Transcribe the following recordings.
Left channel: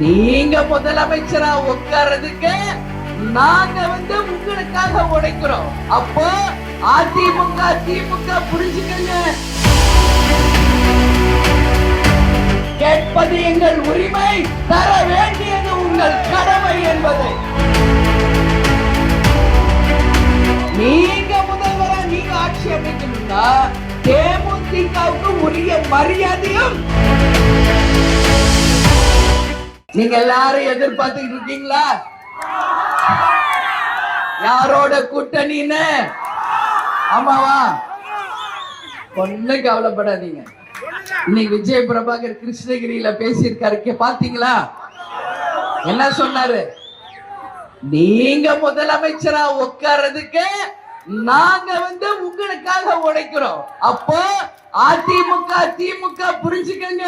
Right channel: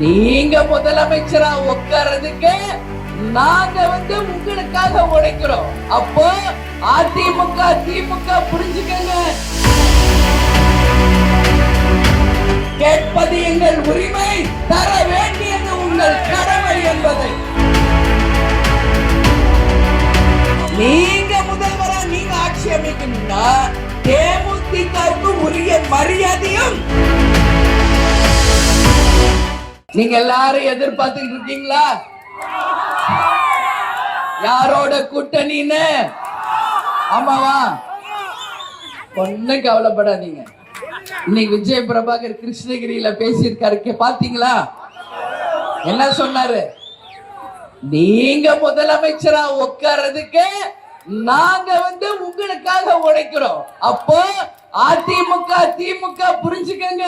நீங்க முதலமைச்சரா உட்கார்றதுக்கு நாங்க உங்களுக்காக உழைக்கிறோம். அப்போ அதிமுக திமுக புரிஞ்சுக்கங்க, கேட்பது எங்கள் உரிமை, தர வேண்டியது உங்கள் கடமை என்பதை நீங்க முதல்வரா நீங்க ஆட்சி அமைக்கணும்னா தேமுதிகவுக்கு உரிய மரியாதையும் நீங்க எல்லாரும் எதிர்பார்த்துட்டு இருக்கீங்களா? யாரோட கூட்டணின்னு? ஆமாவா? ஒண்ணு கவலைப்படாதீங்க. இன்னைக்கு விஜய் பிரபாகர் கிருஷ்ணகிரியில பேசியிருக்காரு, பாத்தீங்களா? என்ன சொன்னாரு? நீங்க முதலமைச்சரா உட்கார்றதுக்கு நாங்க உங்களுக்காக உழைக்கிறோம். அப்போ அதிமுக திமுக புரிஞ்சுக்கங்க,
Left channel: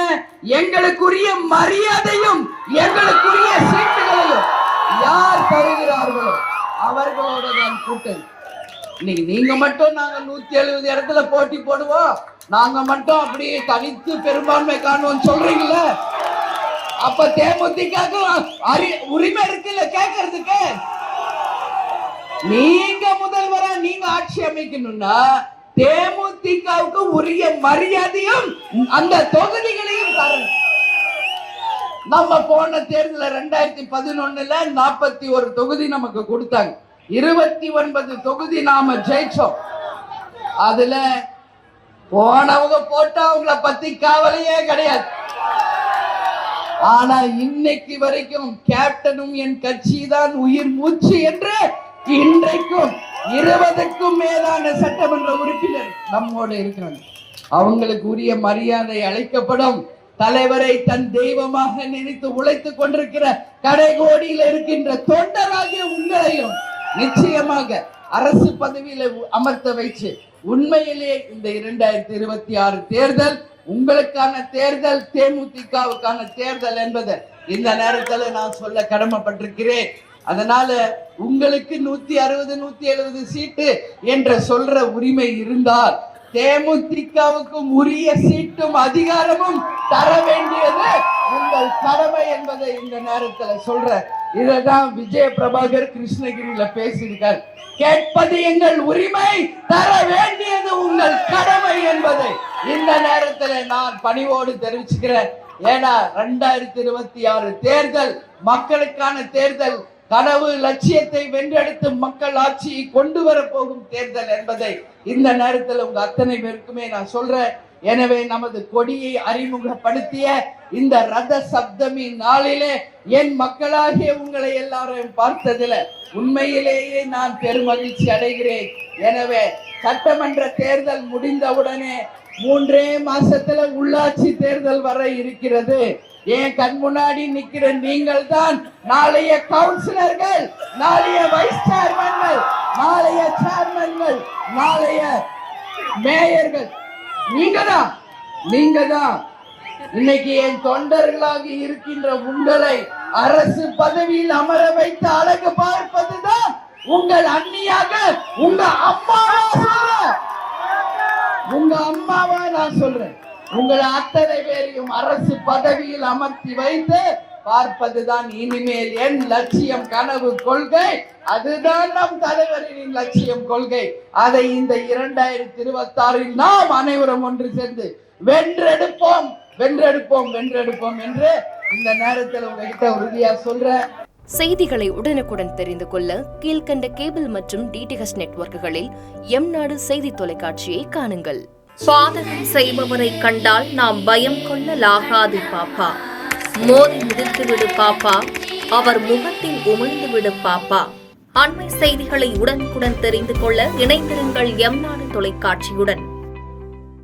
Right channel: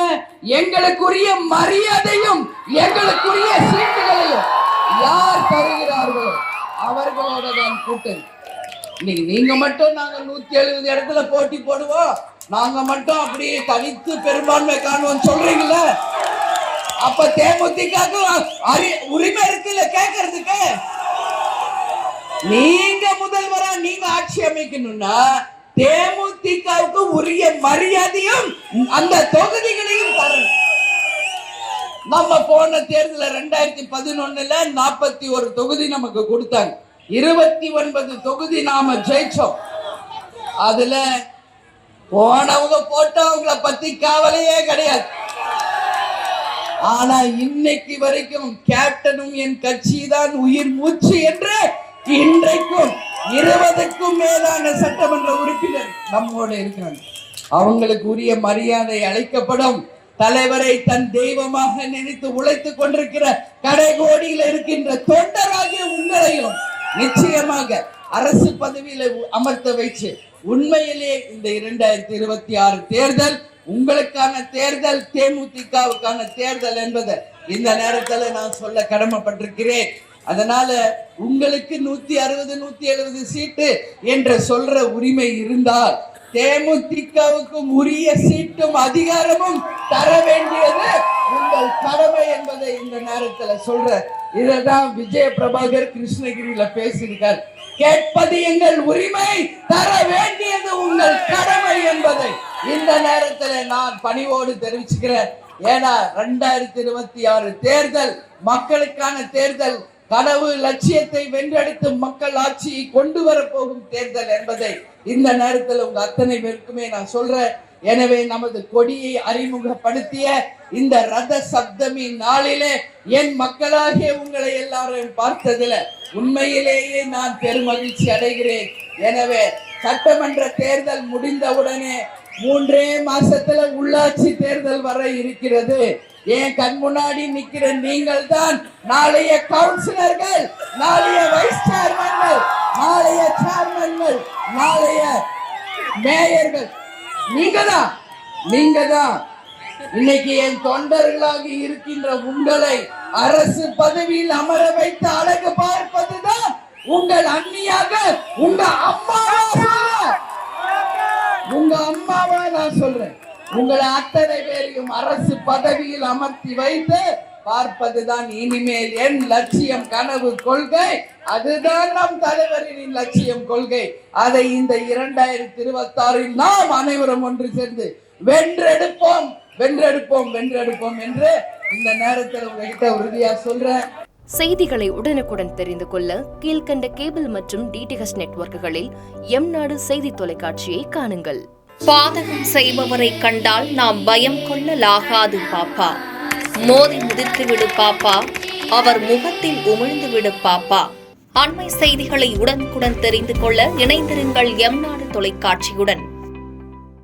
எங்களுக்குரிய மரியாதையும் எங்களுக்குரிய சீட்டுகளையும் யார் தருகிறார்களோ அவர்களோட தான் கூட்டணி. இன்னைக்கு நீங்க மட்டும் நாங்க 170 இடத்துல போட்டி போடுவோம், நாங்க மட்டும் அப்படியே தனித்து பெரும்பான்மை காணுவோம் சொல்றீங்களா? அப்ப தேமுதிக உரிமை இருக்குல்ல கேட்கறதுக்கு? நீங்க முதல்வரா நீங்க ஆட்சி அமைக்கணும்னா தேமுதிகவுக்கு உரிய மரியாதையும் அந்த தொகுதிகளையும் தரணும். நம்ம போன தேர்தல 2011 41 தொகுதி நமக்கு கொடுத்தாங்க, 29 தொகுதி நாம ஜெயிச்சோம். அதுல போனவங்க போட்டா அவங்கள பத்தி கவலையே கிடையாது. ஆனா இன்னைக்கு வரைக்கும் கேப்டனும் என் கட்சி தான் உயிர் மூச்சு என்று இன்றைக்கும் 20க்கும் மேலான சட்டமன்ற உறுப்பினர் நம்மோடு இருக்கிறாங்க. அவங்களுக்கு உரிய மரியாதை அளிக்கப்படும். தலைவரை தன் தெய்வமாக நினைத்து உழைத்துக் கொண்டிருக்கிற கடைகோடியில் இருக்கின்ற தொண்டராகிய உங்களையும் நிச்சயமாக அரசு பதவியில அமர்த்த வைச்சு உண்மையிலே இந்த 2026 தேர்தல் உங்களுக்கான தேர்தல், தேமுதிகவுக்கான தேர்தல் என்பதை இந்த நேரத்தில் நான் சொல்ல கடமைப்பட்டிருக்கிறேன். அதனால உங்களுக்கு 160 170 சீட்டு என்ற சொல்ற உரிமை இருந்தால் தேமுதிகவுக்கும் உரிய சீட்டும் அதிகாரமும் தர வேண்டியது உங்கள் கடமை என்பதை இந்த நேரத்தில் சொல்ற. இதான் விஜய பிரபாகர் கிருஷ்ணகிரியில பேசியிருக்கார். கேட்பது எங்கள் உரிமை, தர வேண்டியது உங்கள் கடமை என்பதை இந்த நேரத்தில் நான் பணிவோடு தெரிவிச்சுக்கிறேன். ஏன்னா 2026 தேர்தல் மக்களுக்கான தேர்தல், கனவு லட்சியத்தை வென்றெடுத்து மக்கள் ஆட்சியை கொண்டு வர போகும் தேர்தல் என்பதை இந்த நேரத்தில் உங்க அத்தனை பேருக்குமே நான் சொல்றேன். எனவே நமது கொடியை அறிமுகப்படுத்திய இந்த ரத சப்தமி நாளிலே என் மக்களாகிய உங்களை எல்லாரும் பார்த்ததுல உண்மையிலேயே நான் பெருமகிழ்ச்சி அடைகிறேன். எனவே சட்டமன்ற தேர்தல் முடிந்தவுடனே 3 மாசத்துல உள்ளாட்சி தேர்தல் வர இருக்கிறது. என் கண் முன்னாடி நிக்கிற நீங்கள் தான் நாளைய கவுன்சிலர்கள், நாளைய வைஸ் சேர்மன்கள், நாளைய சேர்மன்கள், நாளைய மேயர்கள். நீங்க தான் இன்னைக்கு என் தொண்டர்களாக இருக்கின்ற உங்களை அரசு பதவியில் அமர வைத்து அழகு பார்ப்பதுதான் உங்கள் அண்ணியாக உங்க அம்மாவா நான் சொல்றேன். உங்களை அத்தனை பேரையும் அரசு பதவியில் அமர்த்தி வைத்து பார்ப்பதுதான் இனிமேல் என் லட்சியம், கனவு, கொள்கை. அதுதான் நம் தலைவரின் லட்சியம், கொள்கை. அதை இந்த 2026 நாம் அனைவரும் ஒன்று சேர்ந்து வென்றெடுப்போம் என்று இந்த நேரத்தில் உங்ககிட்ட உறுதியா சொல்றேன். செய்திகளை உடனுக்குடன் தெரிந்து கொள்ள கீழ்கண்ட கேபிள் மற்றும் DTH நெட்வொர்க்குகளில் எம்நாடு செய்தி தொலைக்காட்சியை காணுங்கள். பாதகம் செய்பவரை கண்டால் நாம் பயம் கொள்ளலாகாது பாப்பா. மோதி மிதித்து விடு பாப்பா, அவர் முகத்தில் உமிழ்ந்து விடு பாப்பா. அண்மை செய்திகளை உடனுக்குடன் தெரிந்து கொள்ள இணைந்திருங்கள் எம்நாடு தொலைக்காட்சியுடன்.